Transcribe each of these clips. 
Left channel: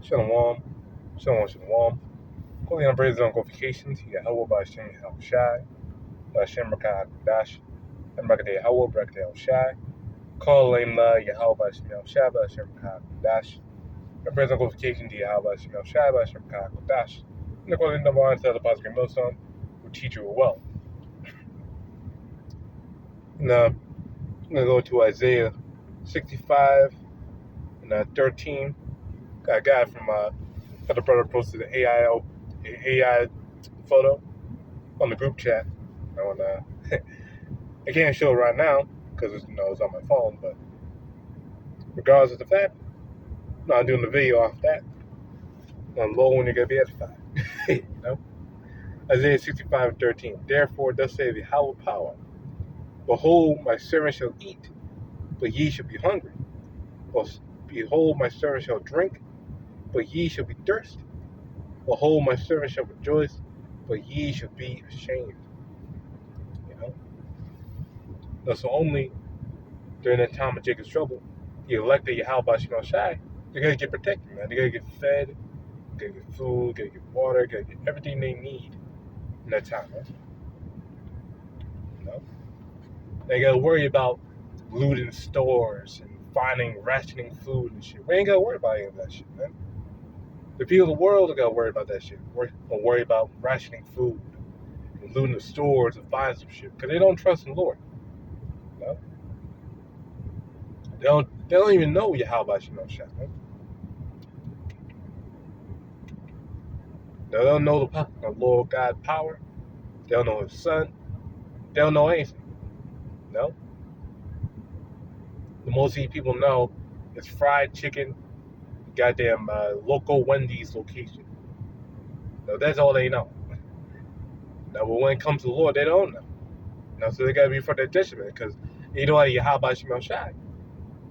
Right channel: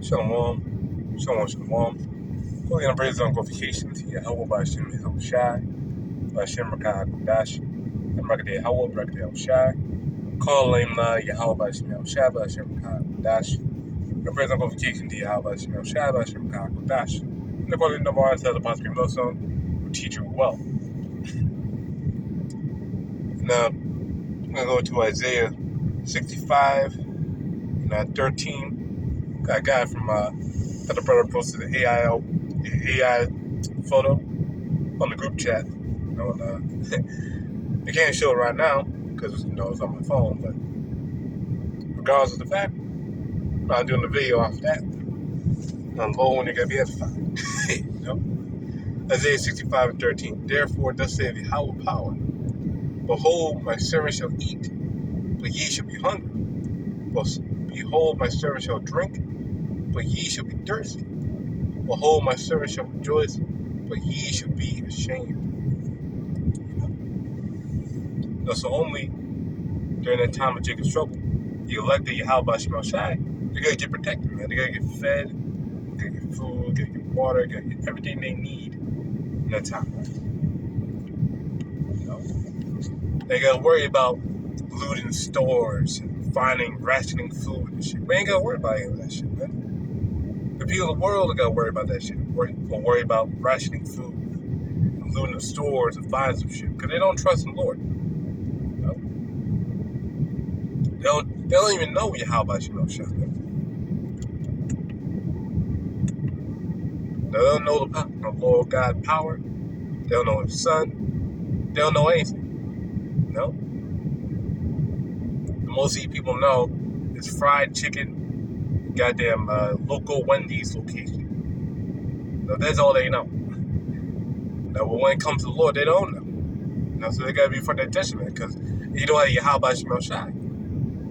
Shalom, shalom. Calling on praise on qualifications. YAHAWAH BAHASHAM YAHAWASHI BAHASHAM BARAK QADASH and BARAK YAHAWAH BARAK YAHAWASHI. Calling YAHAWAH BAHASHAM YAHAWASHI BAHASHAM BARAK QADASH and praise on qualifications. YAHAWAH BAHASHAM YAHAWASHI BAHASHAM BARAK QADASH. And according to the the possible millstone, who teach you well. And I'm going to go to Isaiah 65 and 13. I got from that the brother posted the AI photo on the group chat. And I can't show it right now because it's on my phone. But regardless of the fact, I'm doing the video off that. And low when you're gonna be edified. Isaiah 65:13. Therefore, thus saith Yahawah power. Behold, my servant shall eat, but ye shall be hungry. Behold, my servant shall drink, but ye shall be thirsty. Behold, my servant shall rejoice, but ye shall be ashamed. So only during that time of Jacob's trouble, the elected Yahawah Shai, they're gonna get protected, man. They're gonna get fed, they're gonna get food, they're gonna get water, they're gonna get everything they need in that time, right? They gotta worry about looting stores and finding rationing food and shit. We ain't gotta worry about any of that shit, man. The people of the world are gonna worry about that shit. Or worry about rationing food and looting the stores and finding some shit because they don't trust in the Lord. They don't even know Yahawah Shai. They don't know the Lord God power. They don't know His Son. They don't know anything. The most of you people know is fried chicken, goddamn local Wendy's location. That's all they know. But when it comes to the Lord, they don't know. So they gotta be for their judgment because you don't have Yahawah Shai.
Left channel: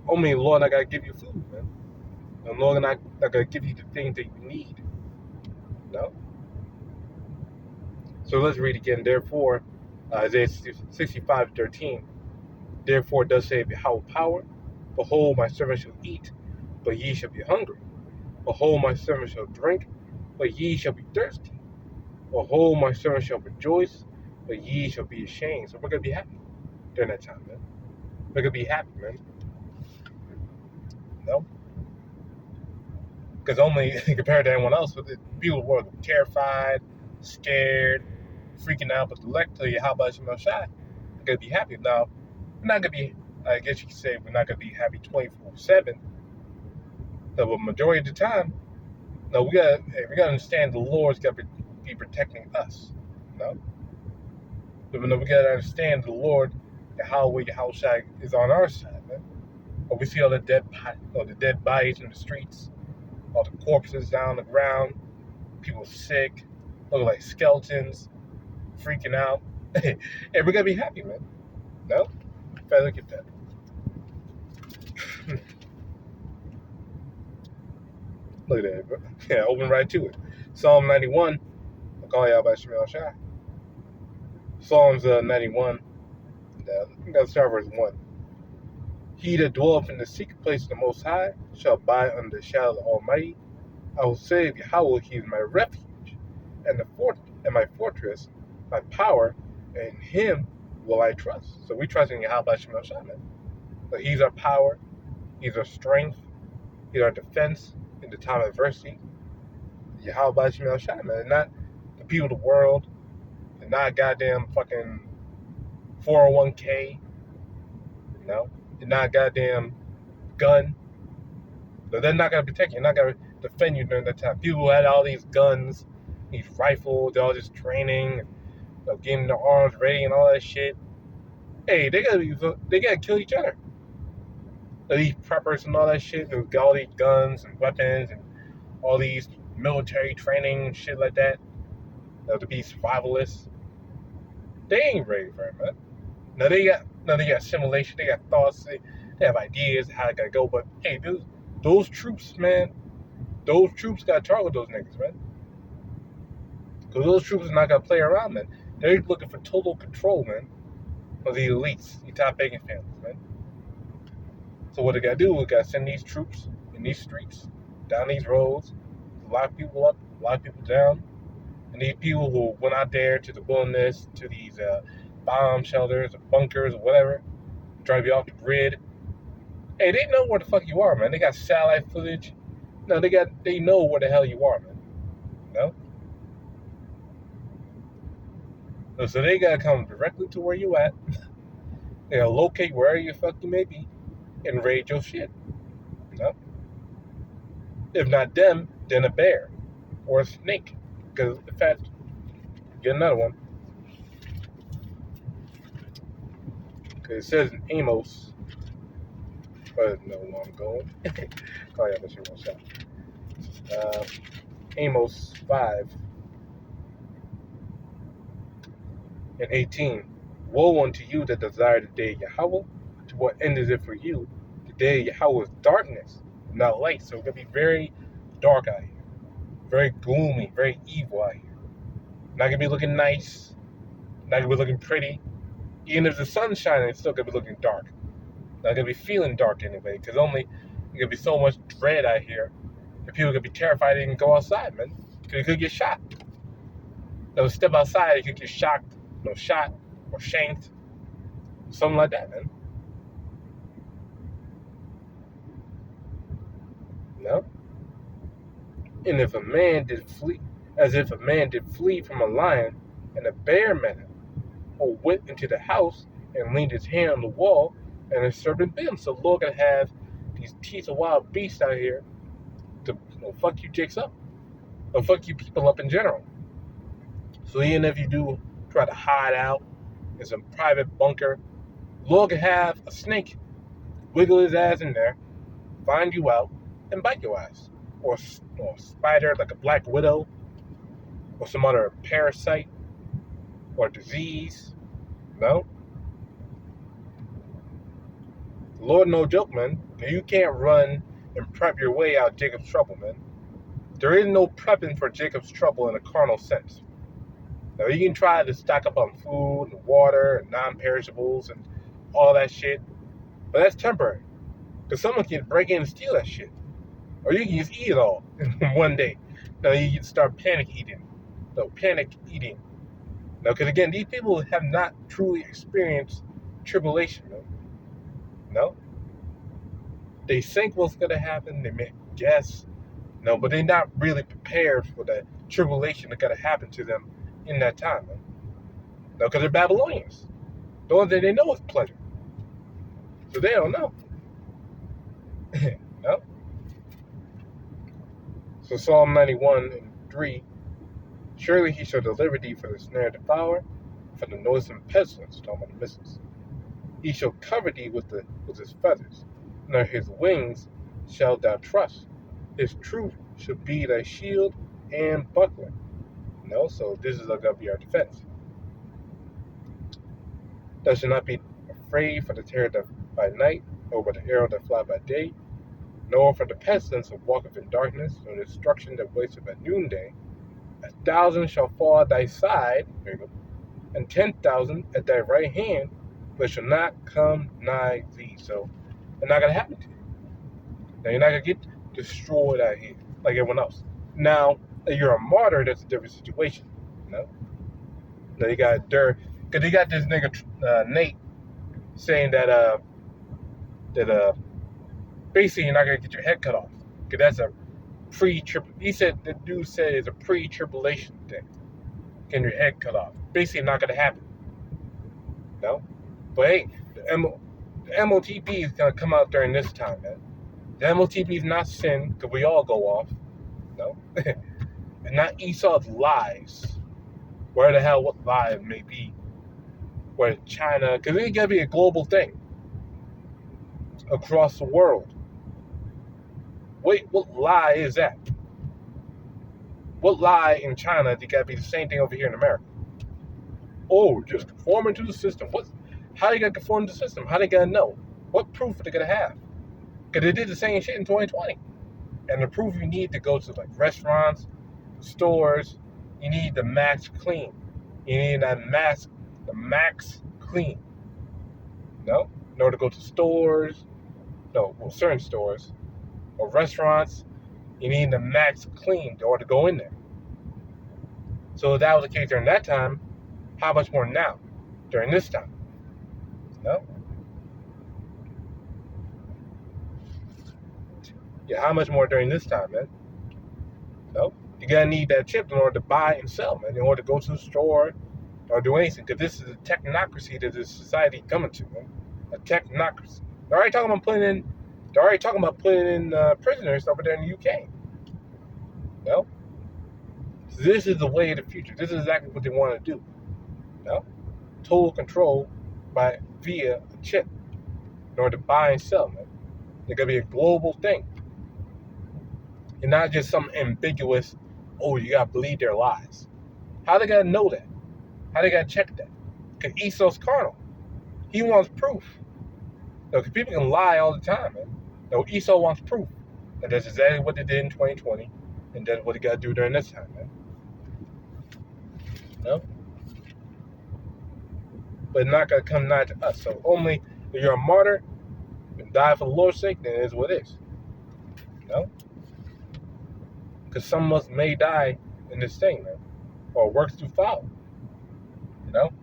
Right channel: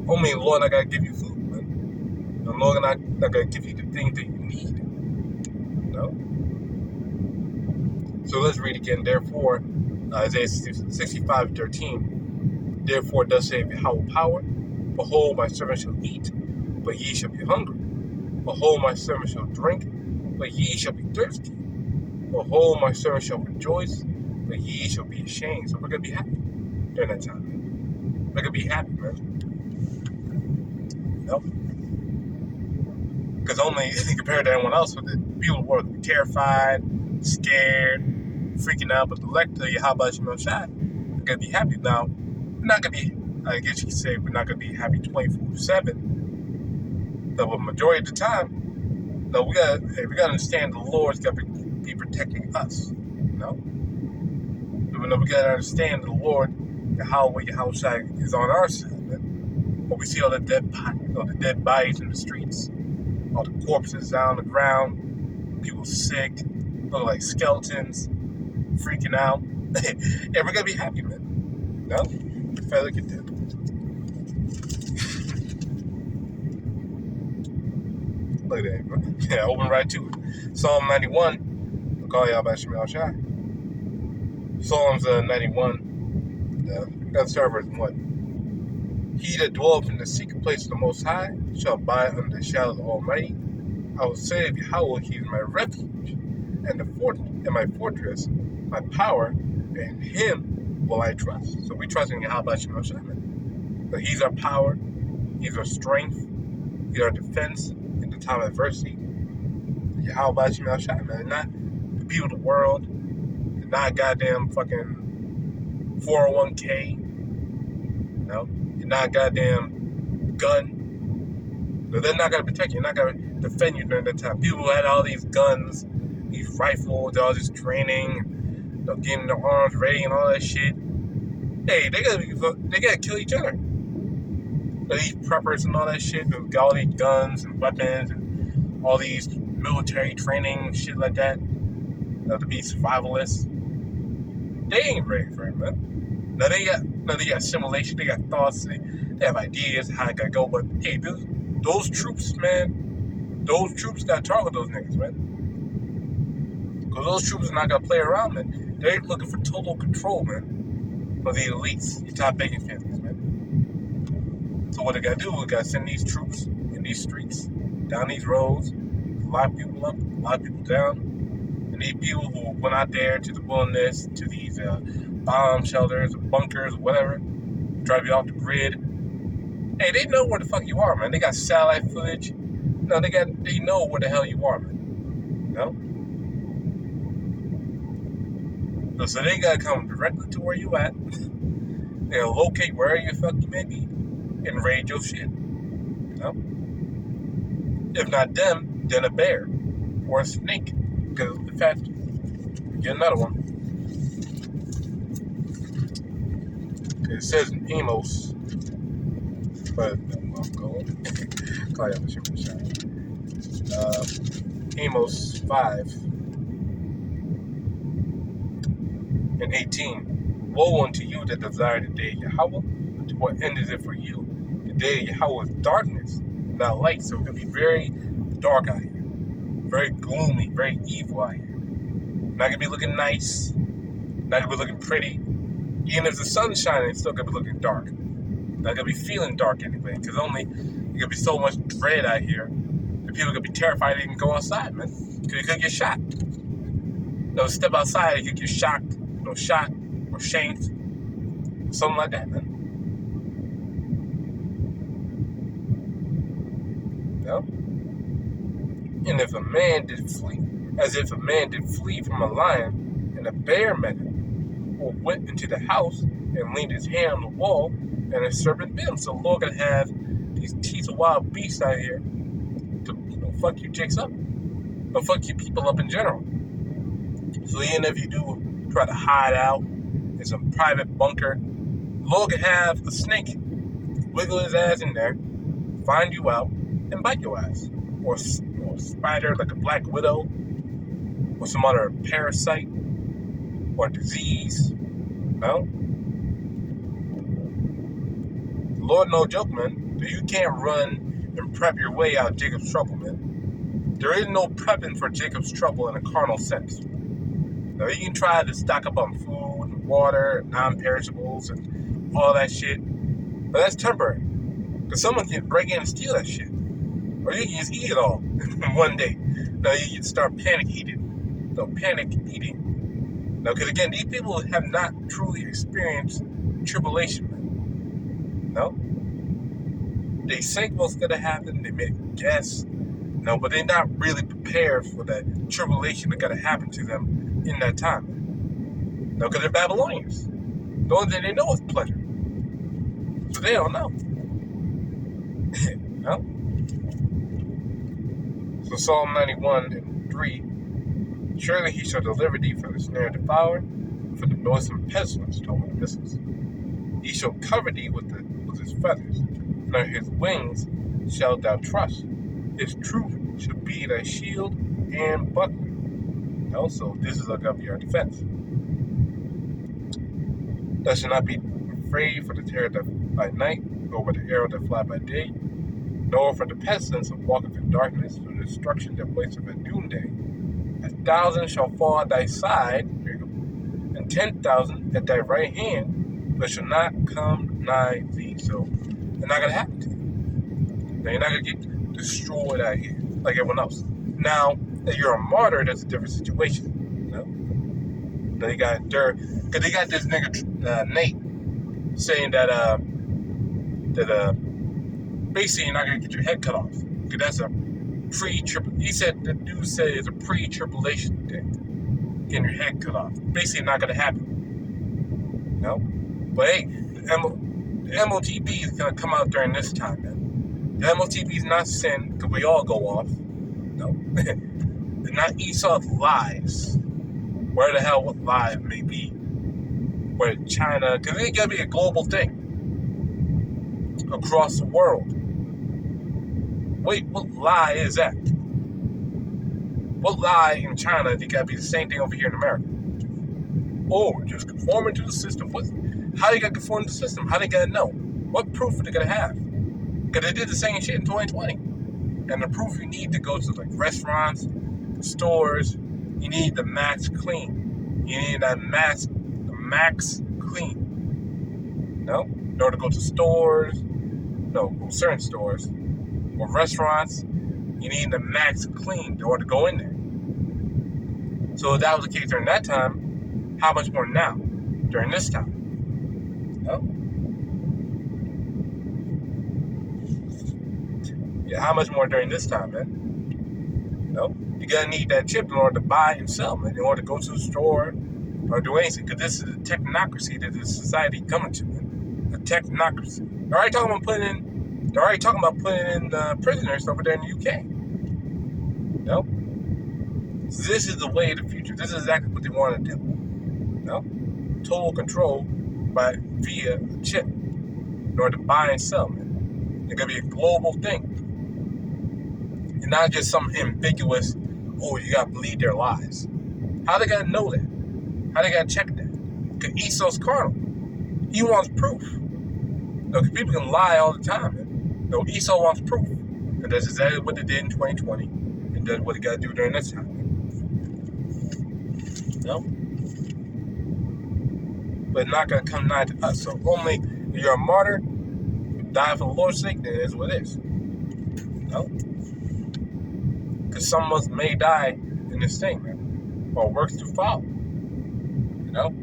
Only the Lord not gonna give you food, man. The Lord not gonna give you the things that you need. So let's read again. Therefore, Isaiah 65:13. Therefore, thus saith Yahawah power. Behold, my servant shall eat, but ye shall be hungry. Behold, my servant shall drink, but ye shall be thirsty. Behold, my servant shall rejoice, but ye shall be ashamed. So we're gonna be happy during that time, man. We're gonna be happy, man. Because only compared to everyone else, the people were terrified, scared, freaking out. But the elect of Yahawah Shai, we're gonna be happy. Now, we're not gonna be. I guess you could say we're not gonna be happy 24/7. But the majority of the time, we gotta understand the Lord's gotta be protecting us. But we gotta understand the Lord, Yahawah Shai is on our side. Man. But we see all the dead bodies in the streets. All the corpses down on the ground, people sick, look like skeletons, freaking out. And we're gonna be happy, man. If I look at that. Look at that, bro. Yeah, open right to it. Psalm 91. I'll call y'all by Shemel Shai. Psalms 91. Let's start verse 1. He that dwelleth in the secret place of the Most High shall abide under the shadow of the Almighty. I will say of Yahawah, He is my refuge, and my fortress, my power, and Him will I trust. So we trust in Yahawah Shai, man. So He's our power, He's our strength, He's our defense in the time of adversity. Yahawah Shai, man. Not the people of the world, and not goddamn fucking 401k, and not goddamn gun. So they're not gonna protect you. They're not gonna defend you during that time. People who had all these guns, these rifles, all this training, getting their arms ready and all that shit. Hey, they gotta kill each other. These preppers and all that shit, who got all these guns and weapons and all these military training and shit like that, to be survivalists. They ain't ready for it, man. Now they got simulation, they got thoughts, they have ideas how it gotta go, but hey, those troops, man, those troops gotta target those niggas, man. Because those troops are not gonna play around, man. They're looking for total control, man, of the elites, the top banking families, man. So what they gotta do, we gotta send these troops in these streets down these roads. A lot of people up, a lot of people down. And these people who went out there to the wilderness, to these bomb shelters, or bunkers, or whatever, try to be off the grid. Hey, they know where the fuck you are, man. They got satellite footage. No, they know where the hell you are, man. No? So they gotta come directly to where you at. They gotta locate wherever you fuck you may be and raid your shit. No? If not them, then a bear or a snake. Because in fact, get another one. It says in Amos, but no, I'm going. Call you machine one shot. Amos 5:18. Woe unto you that desire the day of Yahweh. To what end is it for you? The day of Yahweh is darkness, not light. So it's gonna be very dark out here, very gloomy, very evil out here. Not gonna be looking nice, not gonna be looking pretty. Even if the sun's shining, it's still gonna be looking dark. Not gonna be feeling dark anyway, because only there's gonna be so much dread out here that people are gonna be terrified to even go outside, man. Because you could get shot. They'll step outside, you could get shocked, shot or shanked, something like that, man. No? And if a man did flee, as if a man did flee from a lion, and a bear met him, or went into the house and leaned his hand on the wall, and a serpent bit him. So the Lord gonna have these teeth of wild beasts out here to fuck you chicks up. They'll fuck you people up in general. So even if you do try to hide out in some private bunker, Lord can have a snake wiggle his ass in there, find you out, and bite your ass. Or a spider like a black widow, or some other parasite, or disease. No? Lord, no joke, man. You can't run and prep your way out of Jacob's trouble, man. There is no prepping for Jacob's trouble in a carnal sense. Now, you can try to stock up on food and water and non-perishables and all that shit, but that's temporary. Because someone can break in and steal that shit. Or you can just eat it all in one day. Now, you can start panic eating. Now, because again, these people have not truly experienced tribulation, man. No? They think what's going to happen, they may guess, but they're not really prepared for the tribulation that's going to happen to them in that time, man. No, because they're Babylonians. The only thing they know is pleasure. So they don't know. No? So Psalm 91:3, surely he shall deliver thee from the snare of the fowler, and from the noisome pestilence, talking about the missiles. He shall cover thee with his feathers, and under his wings shalt thou trust. His truth shall be thy shield and buckler. So this is going to be our defense. Thou shalt not be afraid for the terror by night, or by the arrow that fly by day, nor for the pestilence that walketh in darkness, for the destruction that wasteth at noonday. 1,000 shall fall at thy side, here you go, and 10,000 at thy right hand, but shall not come nigh thee. So it's not going to happen to you. Now, you're not going to get destroyed out here like everyone else. Now, if you're a martyr, that's a different situation. Now, you got dirt, because they got this nigga, Nate, saying that basically you're not going to get your head cut off. Because that's a he said, the dude said it's a pre-tribulation thing. Getting your head cut off. Basically not going to happen. No? But hey, the MOTB is going to come out during this time, man. The MOTB is not sin, because we all go off. No? And not Esau's lies. Where the hell, what lie it may be. Where China, because it's going to be a global thing. Across the world. Wait, what lie is that? What lie in China is it got to be the same thing over here in America? Oh, just conforming to the system. How you got to conform to the system? How they got to know? What proof are they going to have? Because they did the same shit in 2020. And the proof you need to go to like restaurants, stores, you need the max clean. You need that max, the max clean. No? In order to go to stores, certain stores, or restaurants, You need the max clean in order to go in there. So if that was the case during that time, how much more now, during this time? No? Yeah, how much more during this time, man? No? You're going to need that chip in order to buy and sell, man, in order to go to the store or do anything, because this is a technocracy that this society coming to, man. A technocracy. They're already talking about putting in prisoners over there in the UK. No? So this is the way of the future. This is exactly what they want to do. No? Total control via a chip in order to buy and sell, man. It's going to be a global thing. And not just some ambiguous, oh, you got to believe their lies. How they got to know that? How they got to check that? Because Esau's carnal. He wants proof. No, because people can lie all the time, man. No, Esau wants proof. And that's exactly what they did in 2020. And that's what they got to do during this time, man. No? But it's not going to come nigh to us. So only if you're a martyr and die for the Lord's sake, then it is what it is. No? Because some of us may die in this thing, man. Or works to follow. You know?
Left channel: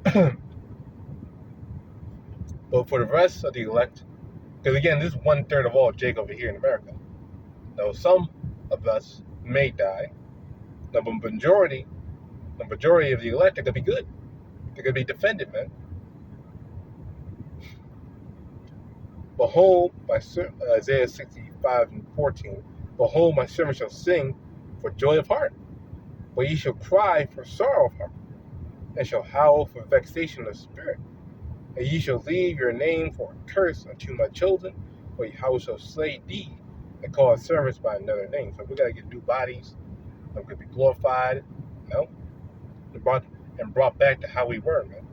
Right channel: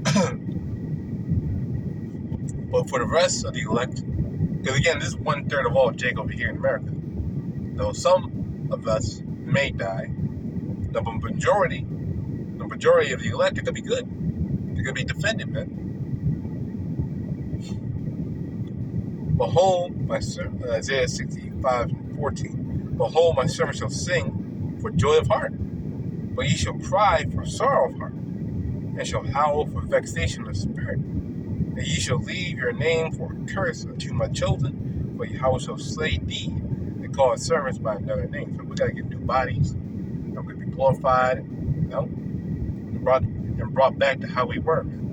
But for the rest of the elect, because again, this is 1/3 of all Jake over here in America. Now, some of us may die. The majority of the elect are going to be good. They're going to be defended, man. Behold, Isaiah 65:14. Behold, my servant shall sing for joy of heart, but ye shall cry for sorrow of heart, and shall howl for vexation of spirit. And ye shall leave your name for a curse unto my children, for Yahweh shall slay thee, and call his servants by another name. So we got to get new bodies. We're going to be glorified, you know, and brought back to how we were, man.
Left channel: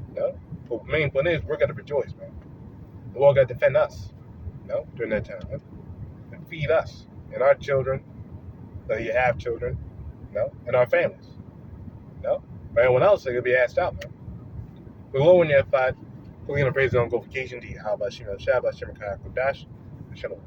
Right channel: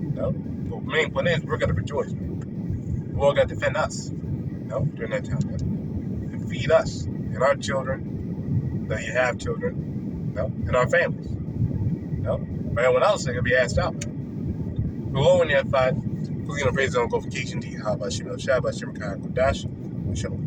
You know? But the main point is, we're going to rejoice, man. The Lord got to defend us, you know, during that time, man. And feed us and our children, that you have children, you know, and our families, you know. But everyone else, they're going to be asked out, man. We're low in the F5. We're going to praise the glorification to YAHAWASHI, QADASH, and Shalom.